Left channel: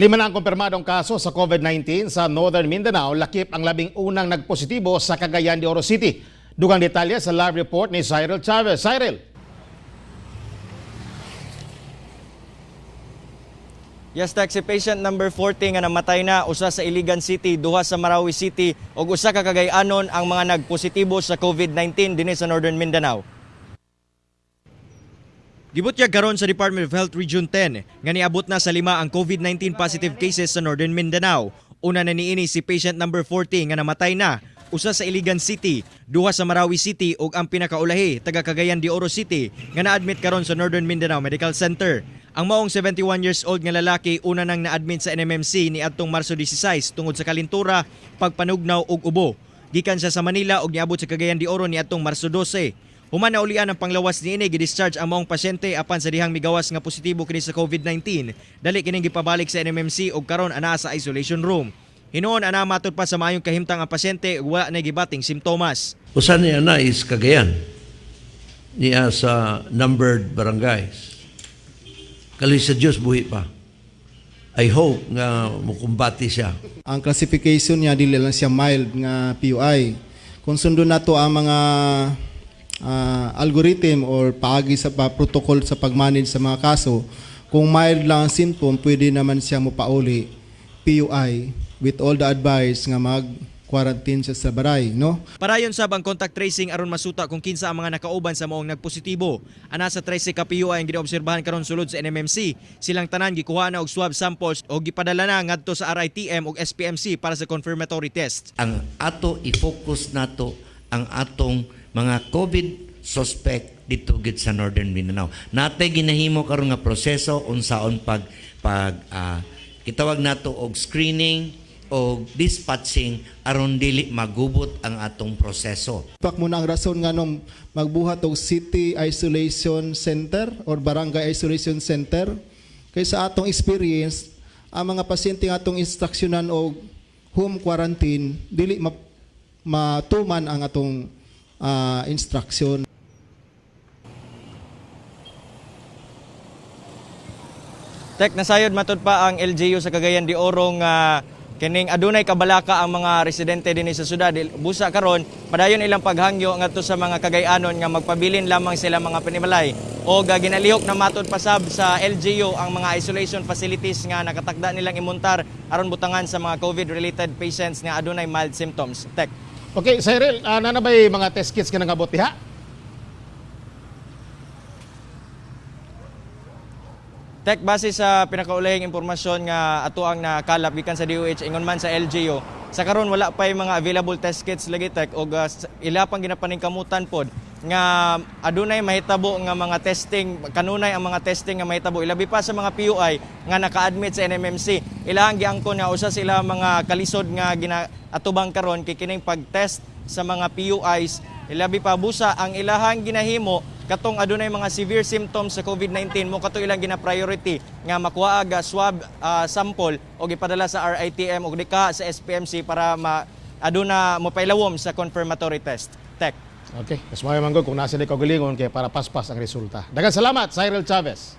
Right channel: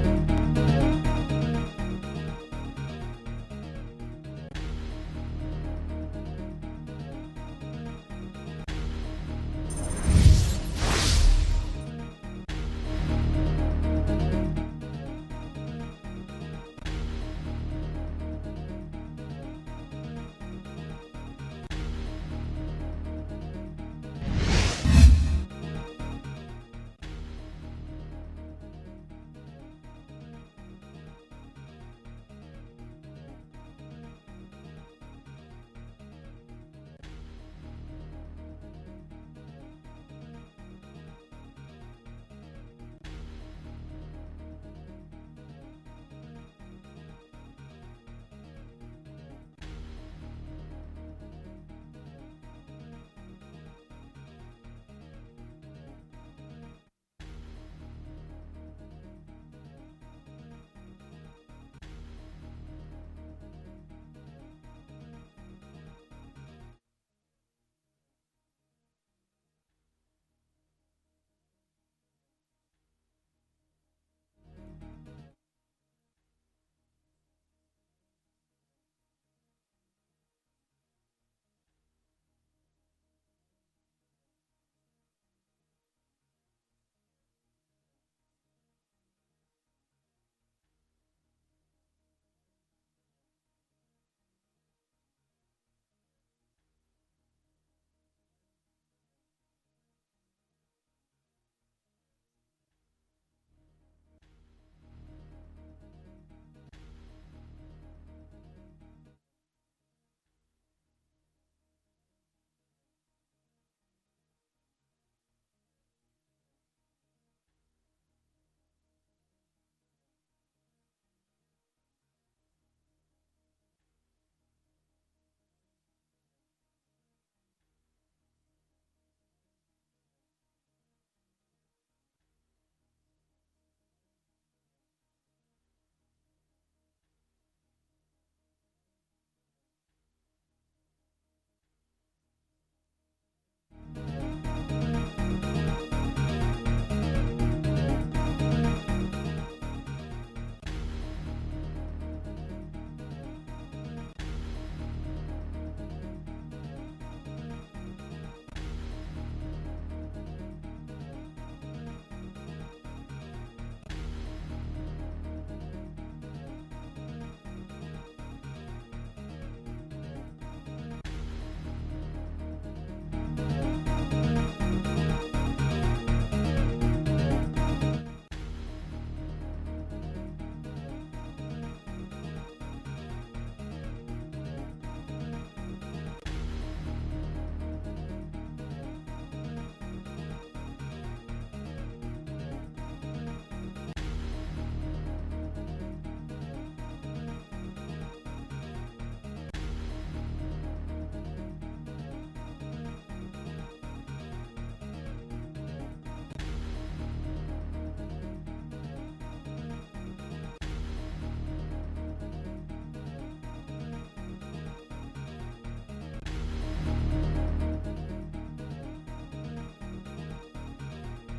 5 na ang kumpirmadong kaso sa COVID-19 sa Northern Mindanao, lakip ang 11 nagpositibo sa Cagayan de Oro City. Dugang detalye sa live report ni Cyril Chavez. Cyril. Yes, Dak, si patient number 40 nga namatay na, usa sa Iligan City, duha sa Marawi City, ug usa ka Cagayanon ang mga nagpositibo sa COVID-19 dinhi sa Northern Mindanao. Gibutyag karon sa Department of Health Region 10 nga niabot na sa 5 ang COVID-19 positive cases sa Northern Mindanao. Una na niini si patient number 40 nga namatay na, usa sa Iligan City, duha sa Marawi City ug ang pinakaulahi taga Cagayan de Oro City nga na-admit karon sa Northern Mindanao Medical Center. Ang maong 71 years old nga lalaki una nang na-admit sa NMMC ni adtong Marso 16 tungod sa kalintura, pagpanugnaw ug ubo. Gikan siya sa Manila ug niabot sa Cagayan de Oro ni adtong Marso 12. Human na ulian ang panglawas niini, gidischarge ang maong pasyente apan sa dihang migawas nga positibo kini sa COVID-19. Dali kining gipabalik sa NMMC ug karon ana sa isolation room. Hinuon ana matud pa sa maayong kahimtang ang pasyente ug wala na gibating simptomas. Usa niya na is Cagayan niya sa numbered barangays. Kali sa Diyos buhi pa. I hope nga mukumbati siya. Ang classification niya dili lang siya mild nga PUI. Kung sundon nato ang mga algorithm or paagi sa protocol sa pag-manage sa mga kaso, kung mild lang ang symptom, pwede naman siya mupauli PUI with all the advice nga mag-quarantine siya sa baray, no? Parayon sab ang contact tracing aron masuta kung kinsa ang mga nakauban sa maong nagpositibo. Ana sa 13 ka PUI ang ginaobserbahan karon sulod sa NMMC. Silang tanan gikuha na og swab samples o gipadala na ngadto sa RITM ug SPMC para sa confirmatory test. Ang ato i-focus nato ang atong mga COVID suspect dito gid sa Northern Mindanao. Natay ginahimo karon nga proseso unsaon kitawag nato og screening o dispatching aron dili magubot ang atong proseso. Pak muna ang rason nga nung magbuhat og City Isolation Center or Barangay Isolation Center. Kay sa atong experience, ang mga pasyente nga atong instruksyonan og home quarantine, dili matuman ang atong instruction. Tek, nasayod matud pa ang LGU sa Cagayan de Oro nga kining adunay kabalaka ang mga residente dinhi sa syudad. Busa karon padayon ilang paghangyo ngadto sa mga Cagayanon nga magpabilin lamang sila mga panimalay o ginalihok na matud pasab sa LGU ang mga isolation facilities nga nakatakda nilang imuntar aron butangan sa mga COVID-related patients nga adunay mild symptoms. Tek. Okay, Cyril, nanabay mga test kits ka nangabot diha? Tek, base sa pinakaulahing impormasyon nga ato ang nakalap gikan sa DOH ingon man sa LGU, sa karon wala pa yung mga available test kits lagi, Tek, og ila pang ginapaningkamutan pod nga adunay mahitabo nga mga testing, kanunay ang mga testing nga mahitabo ilabi pa sa mga PUI nga naka-admit sa NMMC. Ilahang giangkon nga usa sila mga kalisod nga atubang karon kay kining pag-test sa mga PUIs. Ilabi pa busa ang ilahang ginahimo katong adunay mga severe symptoms sa COVID-19 mo kato ilang gina-priority nga makuha aga swab sample o ipadala sa RITM o dika sa SPMC para aduna mo pailawom sa confirmatory test. Tek. Okay, mas mayo manggod kung nasa di kaugalingon kay para paspas ang resulta. Daghang salamat, Cyril Chavez.